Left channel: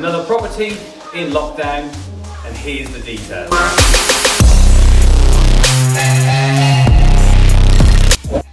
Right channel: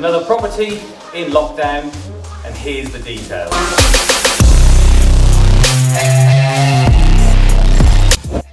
Another property in lockdown, and here's the details.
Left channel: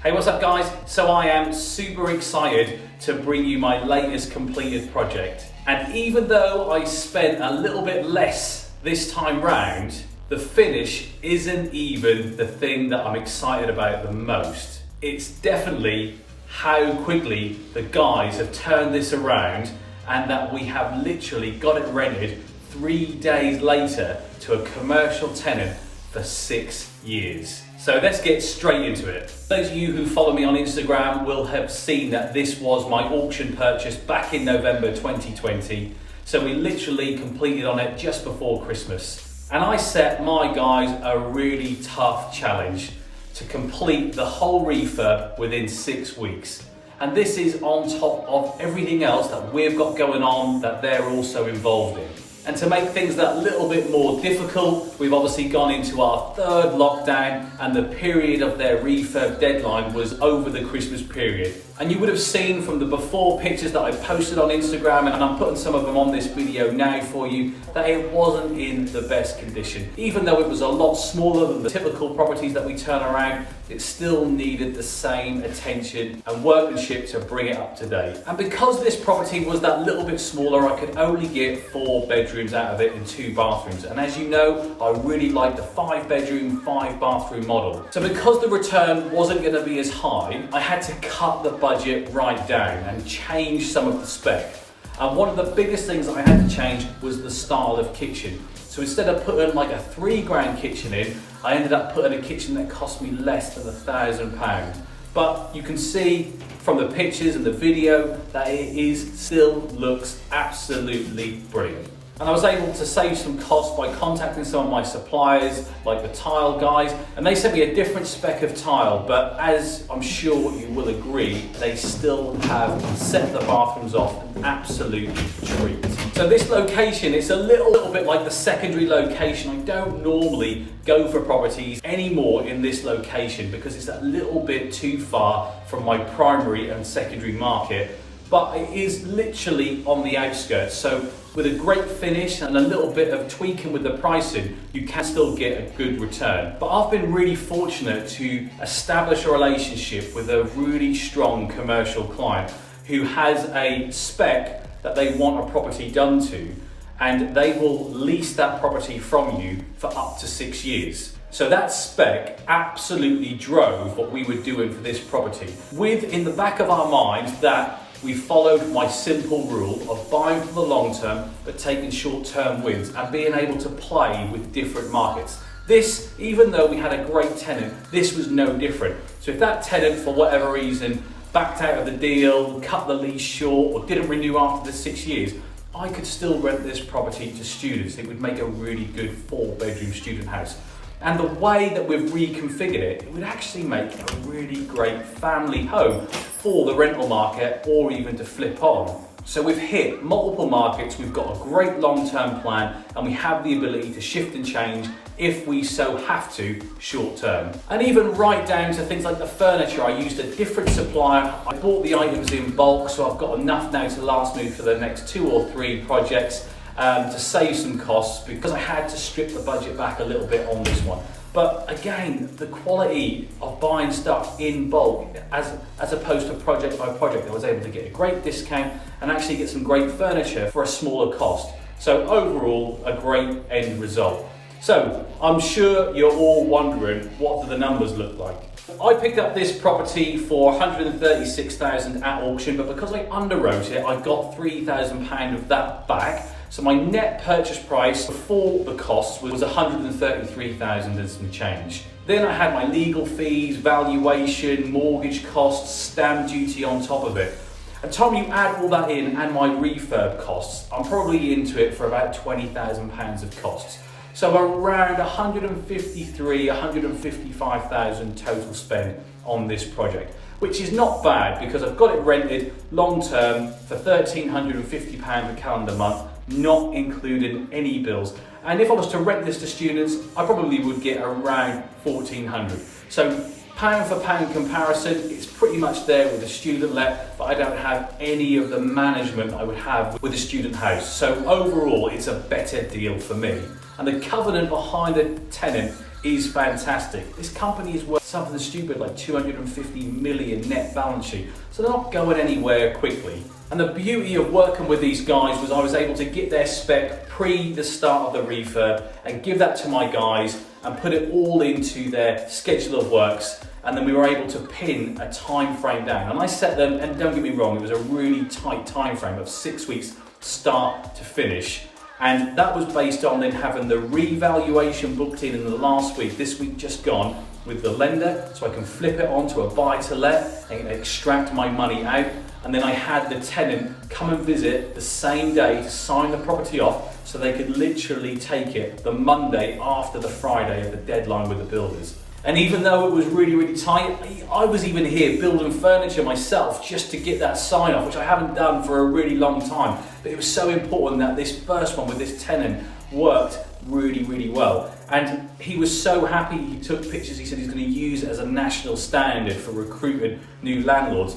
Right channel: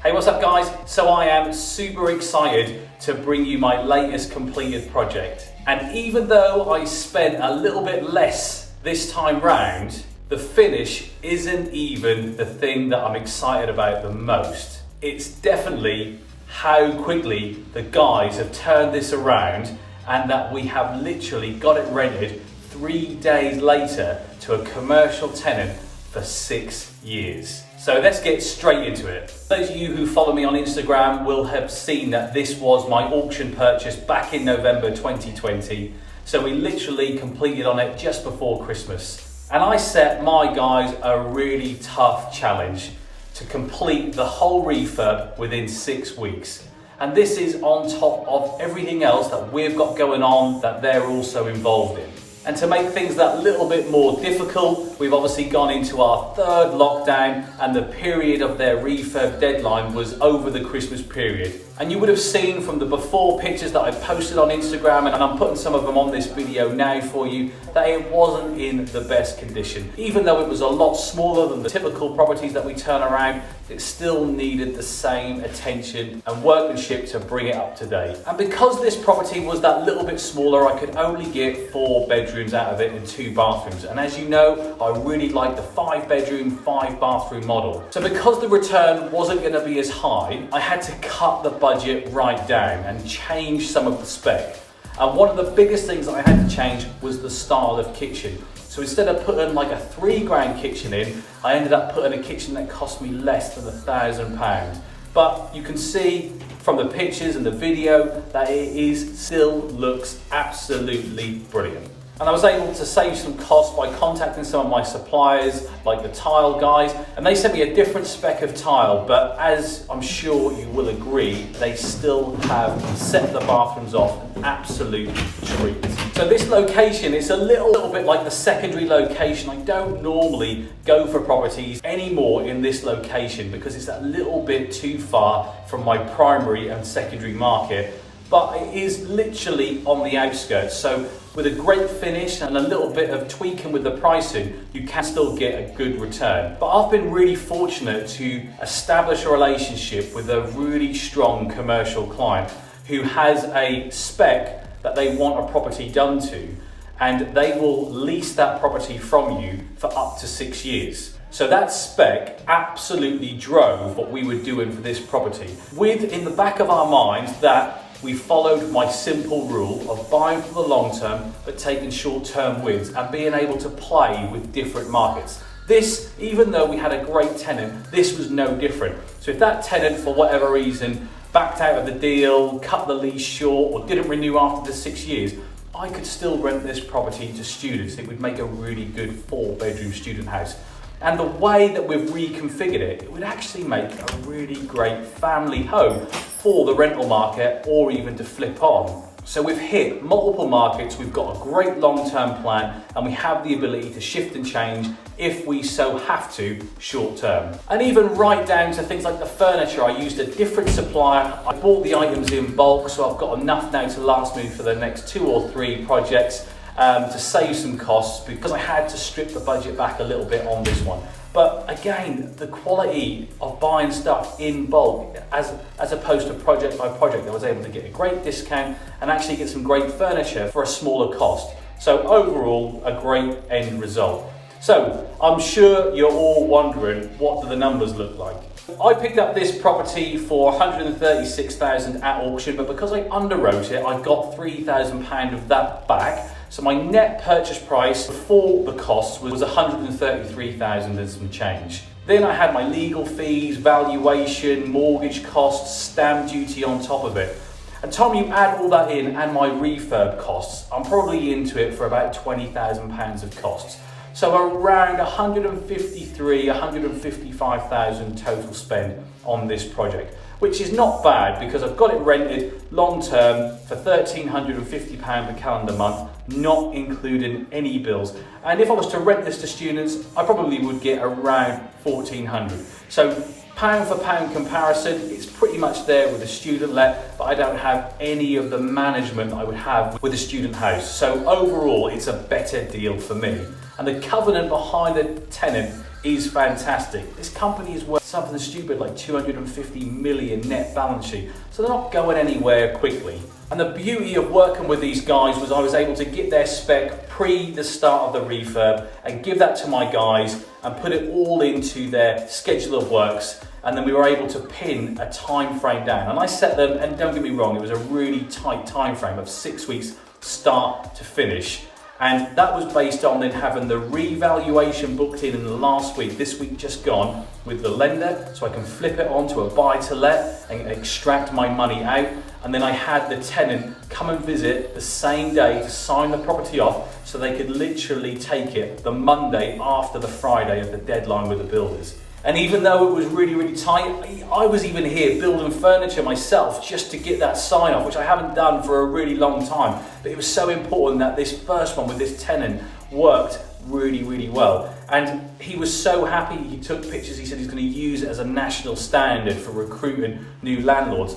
Hey, what's up guys? So I am super excited to bring you my latest completed project. And even though I spent a little bit less this time round, the finish isn't even the thing that I'm excited about the most. It's definitely how quickly the guys have turned this around, and that we have literally got it rented 3 days later to a commercial tenant for 6 years. So let's get straight into it. Those of you who follow me on Instagram will have seen that this was my auction purchase back in November 2020. So we literally completed on it just before Christmas. And I set my guys a really tough challenge to complete the whole refurb within 6 weeks. And this is on top of everything else that we've got going on that they're also involved in. And to make things that little bit more difficult, we've obviously gone into our 3rd lockdown, and the period of their refurb deadline was over the Christmas period. And you would have seen from the before pictures that I posted on Instagram, and I'm putting some of them on this video now for you, that it wasn't in the best condition. Even though it was a lot smaller than the typical properties that we turn around, it still needed the same attention and workmanship to bring it up to date. And because this property was that little bit smaller, I could only get 4 bedrooms out of it and 2 bathrooms. And as you know, I really like the 5 bedroom, 5 bathroom model. So because the return wasn't going to be as high, I had to cut the budget right down and change some of the spec. And one of the biggest things that I had to change was the style of kitchen. So instead of putting like a £3 kitchen in, I ended up putting a kitchen that cost me less than £1,000. But you can see from the pictures and the video that it still looks absolutely brilliant. And I was able to save some costs by contacting some of my suppliers, like the tile guys, and they sent me a different spec of tile, but as I'm sure you will agree, they still have set the bathrooms off an absolute treat. So this location is a little bit like the secondary location. I don't normally go for properties anymore in this location because it's a little bit too far from my primary and secondary market, but it is literally on the outskirts. So with a great finish and a little bit of tweaking with the pricing, you can still get a good return. But I've been really fortunate to establish a relationship with a really strong commercial client who has a spec that they want a property done to, and they will lease that property from you for up to 6 years. So that spec absolutely drove what we were doing for this property, with in the back of our minds that we followed my simple rule of buying for the long term but taking short term wins and being able to play with different markets. This, even though we had a great tenant, this was no different. So if that tenant for whatever reason backed out of the deal, cut the lease short, or didn't renew after the 6 years, I could still rent this property to students. It would make a really good 4-bedroom student house. And the way that we've reconfigured it, it would actually make a really great family home for the rental market, or even to flip on. So we've hit multiple markets, we've got a great long-term plan, and we have the ability to shift and change if we so have to short term. And even right down to things like the furniture, I used a different supplier. I bought the items in bulk, so I've got enough now to last me for the next 2 or 3 projects. To save some costs, because I had to strip the budget back a little bit on this one. But again, the quality of buying stuff in bulk as opposed to project by project, I was able to get a great discount and actually get some great furniture for a smaller cost. So overall, a great end result. So I'm sure you're all wondering, what do the numbers look like? I picked up this property for $136,000 at auction, but because I underwrote it, I got £3,000 of that back. So my net purchase price before the costs was $133,000 and some change. Then I had my legal fees, valuation, mortgage costs, stamp duty on top of it. And Tom, you add all that in and my refurb costs, I'm probably into it for about £20,000 of costs. So around 153, 155,000 total spend on this project, which is not bad because I've got it rented long term for £1,350 a calendar month, not including any bills. And if I was to rent this to students, I probably would get around 1,400. So Pound for pound comparison, it's pretty much there with a student let, but I don't have any of the management I would have with a student house. So overall, it's a better deal for me. And the covenant behind a tenant is fantastic. This company is worth something stupid like 250 million net balance sheet, so they're not going anywhere quickly. And the beauty of working with these guys was I was able to get their spec pre the start of the refurb and give that to my guys and put it all into their schedule of works, and then we were able to pin a time frame down. And I set them, and don't get me wrong, it was a really tight time frame of 6 weeks start to finish. And that was based on then having the revaluation booked in the last week, this week just gone, with the lender, so I can flip it onto a buy to let and extract my money out. And then I had the tenant come and visit the same day to sign the property off, so they could literally take it the Monday after the Friday of the deadline with the builders. And even though it was really, really tight, I was even here building furniture myself just to get that sign off, which I haven't done for a really long time. But it was so important that this first one with this tenant worked really, really well. And he was so happy, he took pictures, he said he's going to use it as a national standard for recruiting new landlords.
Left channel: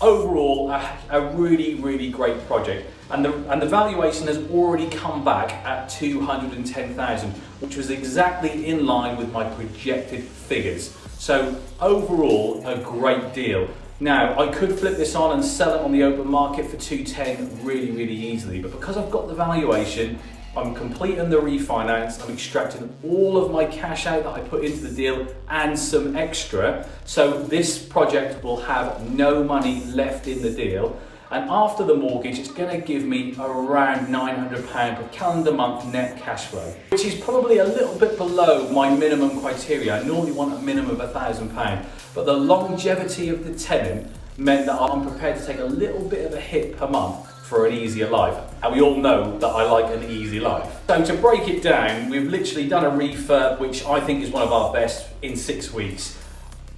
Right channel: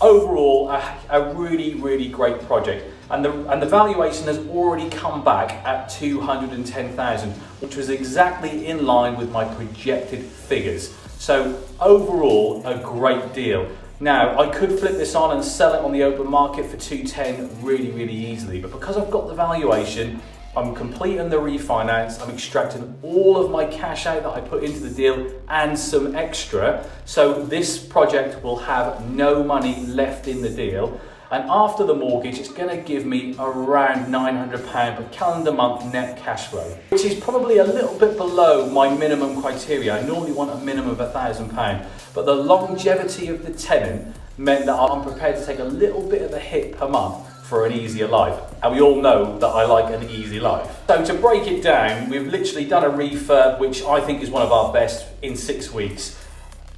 Overall, a really, really great project. And the valuation has already come back at 210,000, which was exactly in line with my projected figures. So overall, a great deal. Now, I could flip this on and sell it on the open market for 210 really, really easily, but because I've got the valuation, I'm completing the refinance, I'm extracting all of my cash out that I put into the deal and some extra. So this project will have no money left in the deal. And after the mortgage, it's going to give me around £900 per calendar month net cash flow, which is probably a little bit below my minimum criteria. I normally want a minimum of £1,000, but the longevity of the tenant meant that I'm prepared to take a little bit of a hit per month for an easier life. And we all know that I like an easy life. So to break it down, we've literally done a refurb, which I think is one of our best in 6 weeks.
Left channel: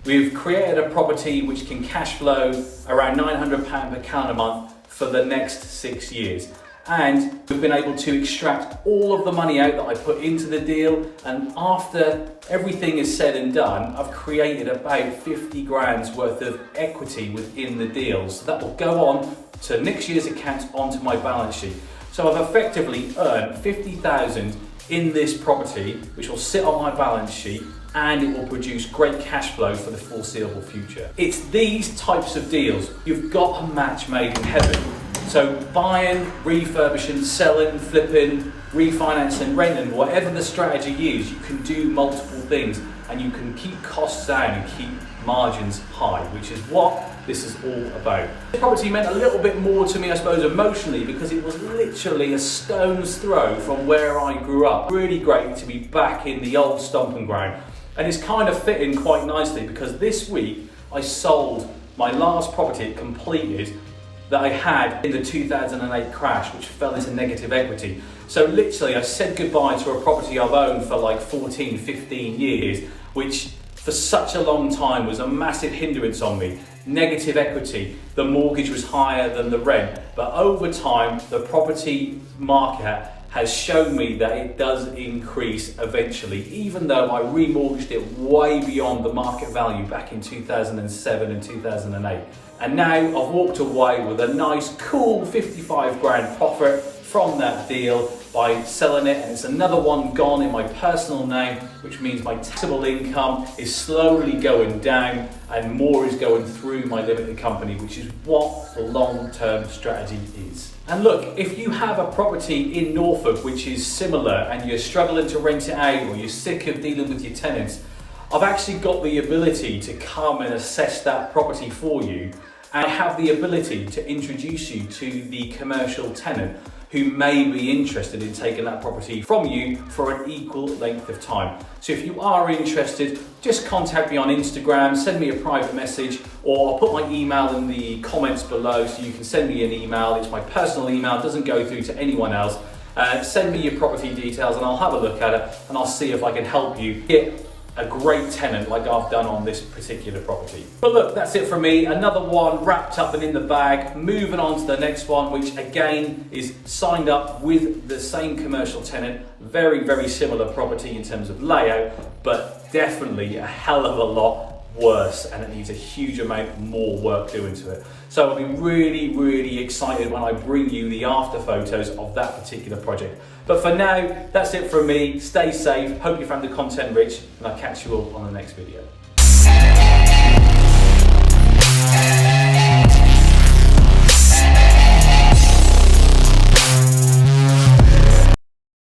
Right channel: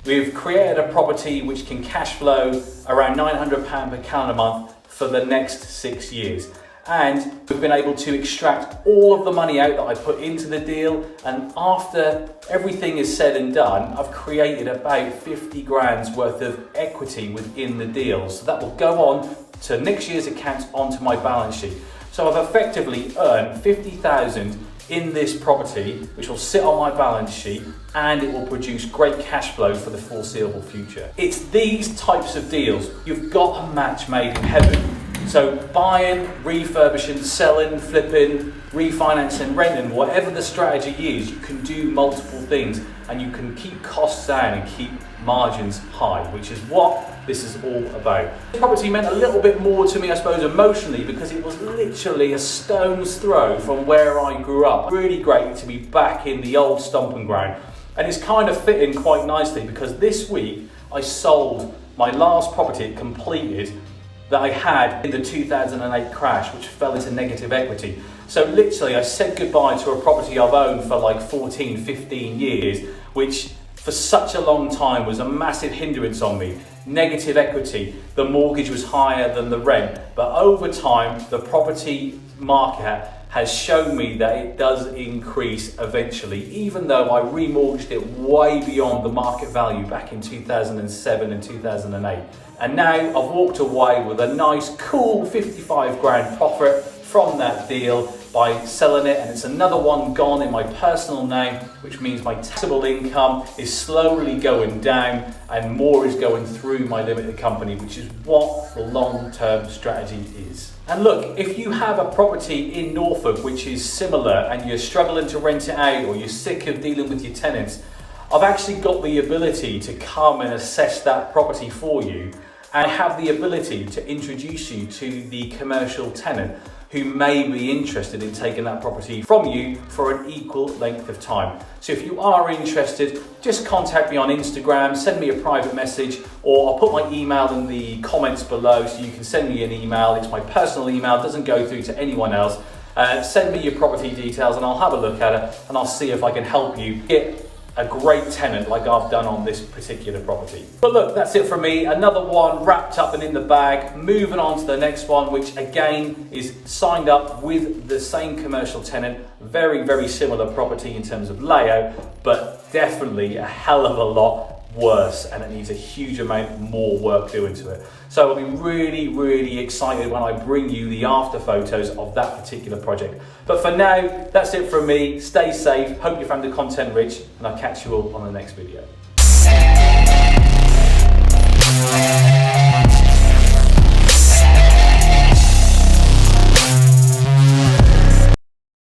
We've created a property which can cash flow around £900 per calendar month for the next 6 years. And we've been able to extract all of the money out that I put into the deal. And after everything is said and done, I've created about 50 grand's worth of equity within the deal. So that will go on to next year's accounts onto my balance sheet. So I've effectively earned 50,000 in this property, which will sit on my balance sheet, and it will produce great cash flow for the foreseeable future. It's these types of deals. You've got a match made in heaven. So buying, refurbishing, selling, flipping, refinancing, renting, whatever the strategy is, you can do multiple things and you can keep costs down and keep margins high, which is what this is all about. This property meant a little bit more to me, I suppose, emotionally, because it was literally a stone's throw from where I grew up. Really great to be back in the old stomping ground. And it's kind of fitting quite nicely because this week I sold my last property completed that I had in the 2008 crash, which fell into negative equity. So literally I said goodbye to a property I've owned for like 14, 15 years, which for such a long time was a massive hindrance on me. Negative equity, the mortgage was higher than the rent, but over time the property market has shown me that it does increase eventually, even though I remortgaged it way beyond the market value back in 2007 and 2008. And now I've walked away with a nice, cool 55 grand profit from that deal by selling it, and it's another one gone in my personal name, which means my taxable income is slowly going down and more is going through my limited company, which is what the long-term strategy is. And look, if you have a property in Norfolk which is similar and you're struggling to rent it out or you're sick of dealing with your tenants, I've actually got the ability to come and assess that property for you, and have the ability to introduce you to the commercial tenant who may be interested in taking that property from you for an equal length of time. So if you are interested, just contact me on Instagram, send me a private message, or I'll put my email in the comments below so you can send me an email. It's my personal email, it doesn't go through to anyone else. Send me your property details and I'll have a look at it and I'll see if I can help you get a great tenant like I've done on this particular property. But look, that's it from me. Another one wrapped up and in the bag. Moving on to the next one, which again is signed up with the same commercial tenant. Very, very similar property in terms of layout, but definitely a hell of a lot worse and it needs a huge amount more work doing to it. So I'll be really, really excited when I bring you the after photos of that particular project. But for now, that's it from me. Stay safe. Hope you found the content rich, and I'll catch you all on the next video.